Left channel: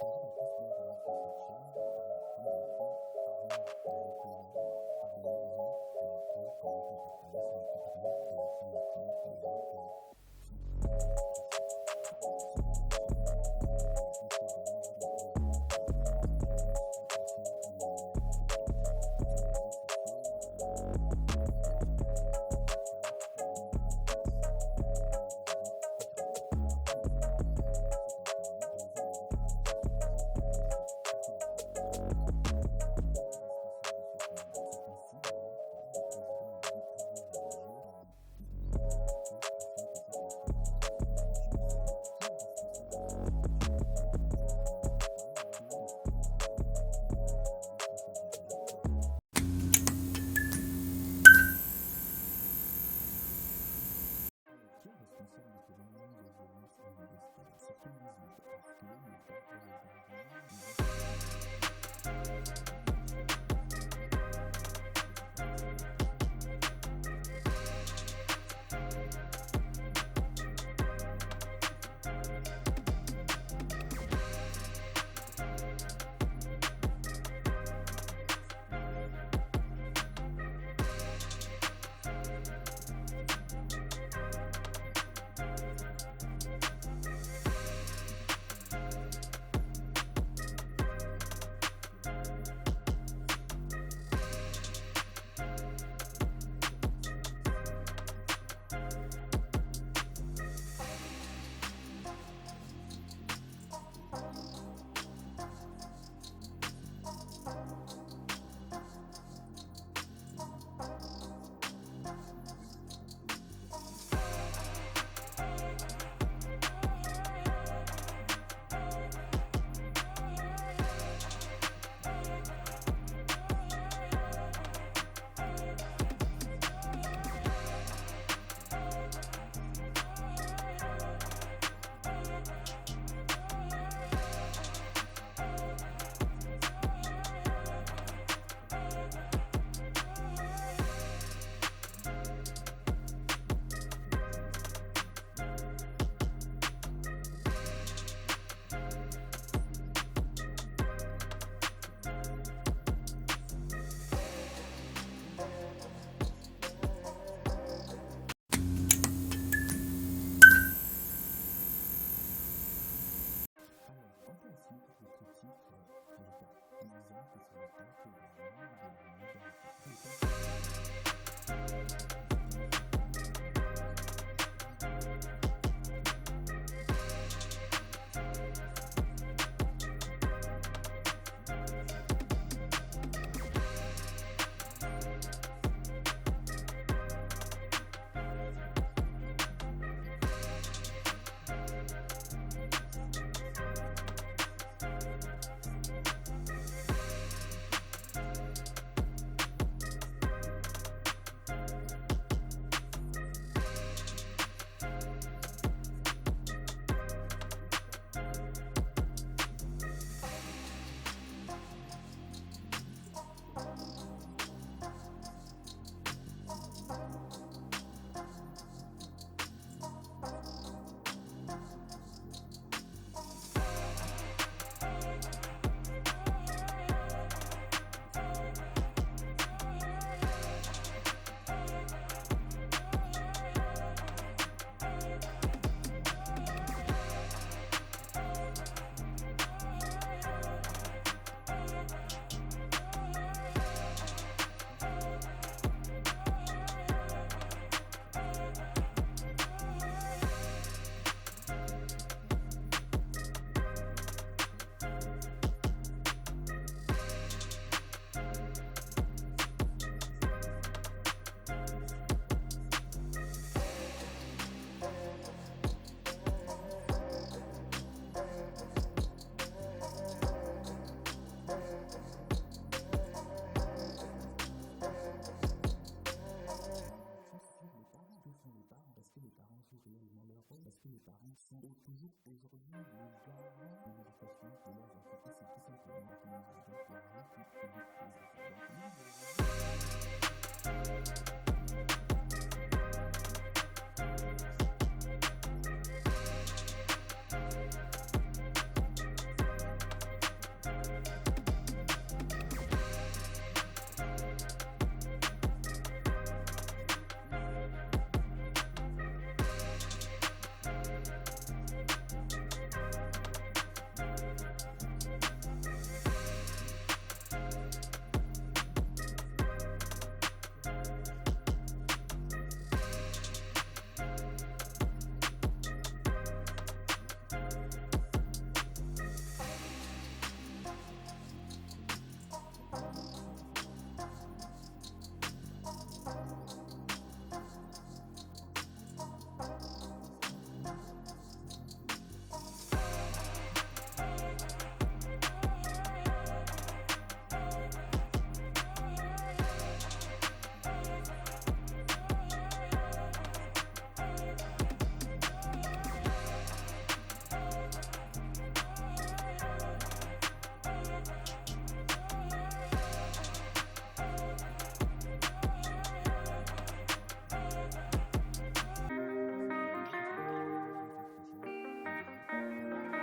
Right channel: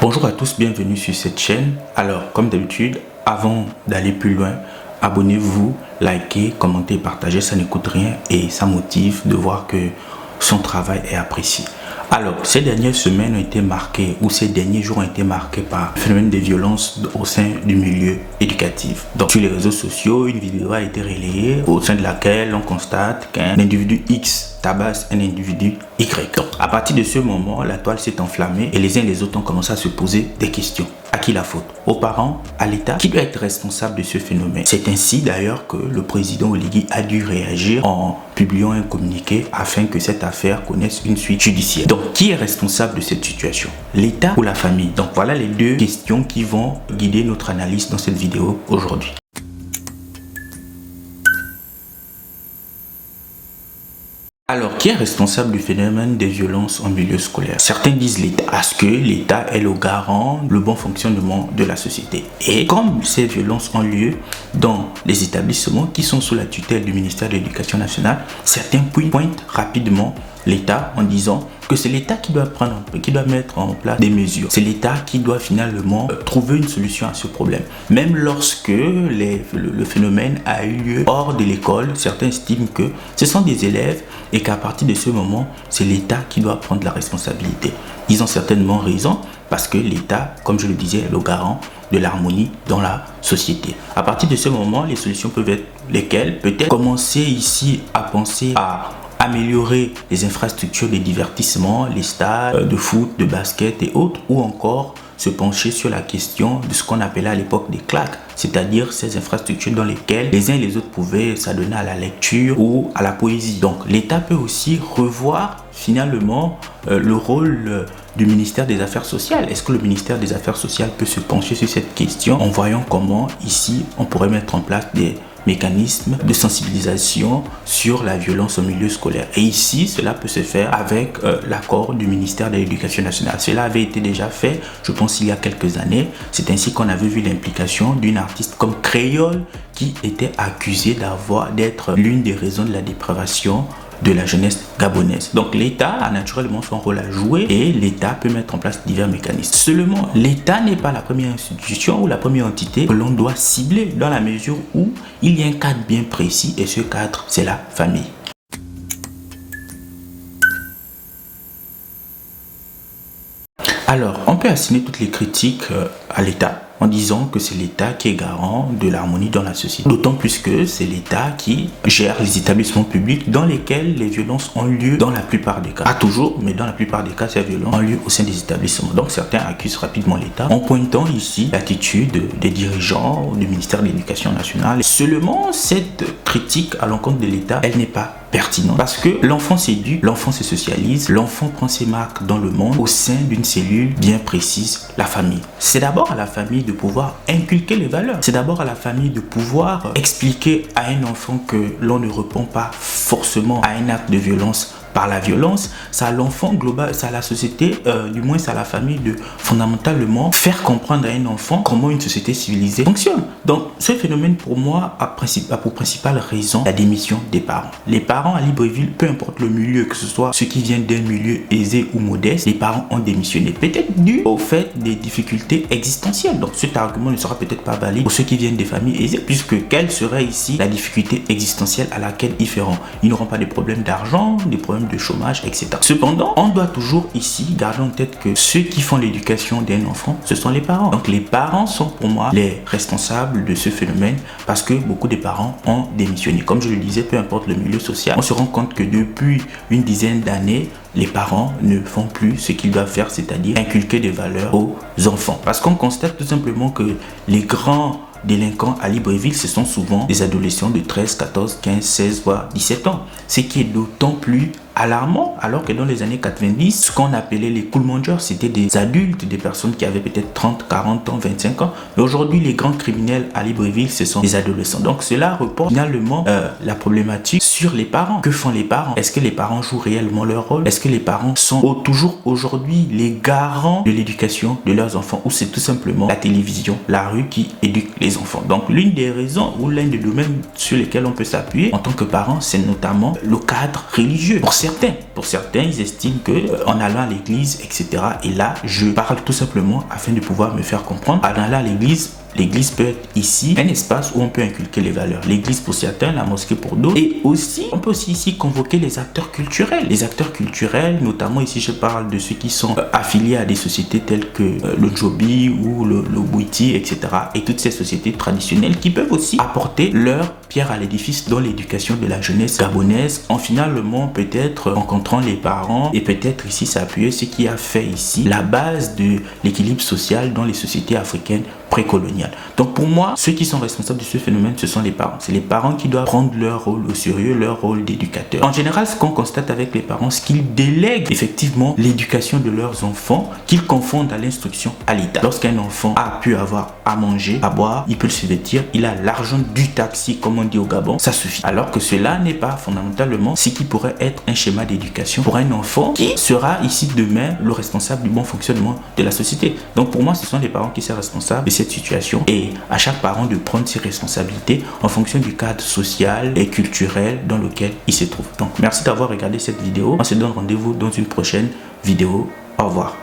Bonjour à tous, bienvenue sur cette chaîne. Alors, comme d'habitude, avant d'aller plus loin, abonnez-vous, likez, commentez, partagez, ça ne coûte rien et ça motive de voir que son travail est apprécié. Alors, ces dernières semaines ont été marquées, ou ces derniers jours ont été marqués par le phénomène des violences au sein du milieu éducatif. Donc, sur les réseaux sociaux, une vidéo a été relayée au sein de laquelle on constate qu'un individu X tabasse un individu Y. Donc, à partir de ce moment, la toile s'est enflammée et les uns et les autres ont commencé à se poser des questions. À qui la faute? Aux parents? À l'État? Qui doit être responsable de ce phénomène? C'est ainsi d'ailleurs que le président Oligui a dû réagir en publiant un communiqué afin que cette affaire connaisse une suite judiciaire. Donc, qui est responsable de cette situation? L'État ou la famille? Donc, voilà les deux questions qui vont guider notre analyse dans cette vidéo aujourd'hui. Alors, qui est responsable du phénomène des violences en milieu scolaire? Certains disent l'État, parce que l'État est le garant du bon fonctionnement de la société. Et comme ces violences ont lieu dans les établissements qui sont sous la tutelle du ministère de l'Éducation nationale, certains pointent rapidement l'État en disant que c'est l'État qui doit mettre en place des mesures. C'est l'État qui doit finalement trouver une solution à ce problème. Même lorsque le phénomène a eu lieu hors de l'école, certains estiment que ce sont des élèves et qu'à partir de ce moment, c'est l'État qui doit prendre la responsabilité. Ils ont certainement raison parce que l'État, comme je le disais, est le garant de l'harmonie dans la société. À partir de ce moment, les solutions peuvent être lesquelles? Peut-être commencer ici à penser à améliorer les infrastructures de divertissement, les stades de foot, de basket et autres, ou encore se pencher sur la question de ce qu'on appelait à l'époque des claques, c'est-à-dire ces infrastructures dans lesquelles les uns et les autres pouvaient s'adonner à la lecture ou à la poésie. Donc l'État peut aussi revoir finalement le rôle du ministère des Affaires sociales. Est-ce que le ministère des Affaires sociales peut se pencher sur cette question en voyant comment ici on pourrait mettre en place des mécanismes de sensibilisation sur la violence au milieu scolaire. Et ici, cela peut se faire avec l'accord du ministère de l'Éducation nationale. Cela avait été déjà fait, je pense, il y a quelques années. C'est ainsi qu'on avait vu l'implication d'une artiste comme Créole qui était accusée d'être l'une des raisons de la dépravation de la jeunesse gabonaise. Donc l'État a naturellement son rôle à jouer et l'État peut mettre en place divers mécanismes. Seulement, l'État n'est pas la première institution ou la première entité que l'on doit cibler dans la mesure où il y a un cadre bien précis et ce cadre, c'est la famille. Alors, on peut assigner toutes les critiques à l'État en disant que c'est l'État qui est garant de l'harmonie dans la société. D'autant plus que c'est l'État qui gère les établissements publics dans lesquels les violences ont lieu dans la plupart des cas. Pas toujours, mais dans la plupart des cas, ces violences ont lieu au sein des établissements. Donc certains accusent rapidement l'État en pointant ici l'attitude des dirigeants du ministère de l'Éducation nationale. Seulement, cette critique à l'encontre de l'État, elle n'est pas pertinente parce que l'enfant s'éduque, l'enfant se socialise, l'enfant prend ses marques dans le monde au sein d'une cellule bien précise, la famille. C'est d'abord à la famille de pouvoir inculquer les valeurs. C'est d'abord à la famille de pouvoir expliquer à un enfant que l'on ne répond pas forcément à un acte de violence par la violence. C'est à l'enfant global, c'est à la société, du moins c'est à la famille de fondamentalement faire comprendre à un enfant comment une société civilisée fonctionne. Donc ce phénomène pour moi a pour principale raison la démission des parents. Les parents à Libreville, peu importe le milieu, que ce soit ceux qui viennent d'un milieu aisé ou modeste, les parents ont démissionné. Peut-être dû au fait des difficultés existentielles. Donc cet argument ne sera peut-être pas valide pour ceux qui viennent des familles aisées, puisque quelle serait ici la difficulté existentielle à laquelle ils feront? Ils n'auront pas de problèmes d'argent, des problèmes de chômage, etc. Cependant, on doit toujours ici garder en tête que ceux qui font l'éducation d'un enfant, ce sont les parents. Donc les parents sont pour moi les responsables de ce phénomène parce que beaucoup de parents ont démissionné. Comme je le disais, peu importe le milieu social, on se rend compte que depuis une dizaine d'années, les parents ne font plus ce qu'ils doivent faire, c'est-à-dire inculquer des valeurs aux enfants. Parce qu'on constate tout simplement que les grands délinquants à Libreville, ce sont souvent des adolescents de 13, 14, 15, 16, voire 17 ans. Ce qui est d'autant plus alarmant, alors que dans les années 90, ce qu'on appelait les cool mongers, c'était des adultes, des personnes qui avaient peut-être 30, 40 ans, 25 ans. Mais aujourd'hui, les grands criminels à Libreville, ce sont des adolescents. Donc cela reporte finalement la problématique sur les parents. Que font les parents? Est-ce que les parents jouent réellement leur rôle? Est-ce que les parents sont toujours aujourd'hui les garants de l'éducation de leurs enfants, ou c'est tout simplement la télévision, la rue qui éduque les enfants? Donc l'une des raisons ou l'un des domaines sur lesquels on peut s'appuyer en tant que parent, c'est notamment le cadre religieux. Pour certains certains, ils estiment que en allant à l'église, etc. Et là, je parle tout simplement afin de pouvoir me faire comprendre. En allant à l'église peut être ici un espace où on peut inculquer les valeurs. L'église pour certains, la mosquée pour d'autres. Et aussi, on peut aussi ici convoquer les acteurs culturels. Les acteurs culturels, notamment ici, je parle de ceux qui sont affiliés à des sociétés telles que le Djobi ou le Bouiti, etc. Et toutes ces sociétés traditionnelles qui peuvent aussi apporter leur pierre à l'édifice dans l'éducation de la jeunesse gabonaise, en finalement peut-être rencontrant les parents et peut-être ici s'appuyer ce qui a fait ici la base de l'équilibre social dans les sociétés africaines précoloniales. Donc pour moi, ceux qui sont responsables de ce phénomène, ce sont les parents. C'est les parents qui doivent prendre leur rôle au sérieux, leur rôle d'éducateur. En général, ce qu'on constate avec les parents, c'est qu'ils délèguent effectivement l'éducation de leurs enfants, qu'ils confondent à l'instruction à l'État. Lorsqu'un enfant a pu avoir à manger, à boire, il peut se vêtir, il a l'argent du taxi, comme on dit au Gabon, ça suffit. Alors que cela n'est pas fondamentalement ce qui pourrait être un schéma d'éducation pour un enfant qui sera ici demain le responsable du bon fonctionnement de la société. Donc pour moi, ce sont les parents qui sont responsables de cette situation et à chaque parent de prendre ses responsabilités en fonction du cadre social et culturel dans lequel il se trouve. Donc merci d'avoir regardé cette vidéo. On se donne rendez-vous dans une prochaine vidéo. Au revoir.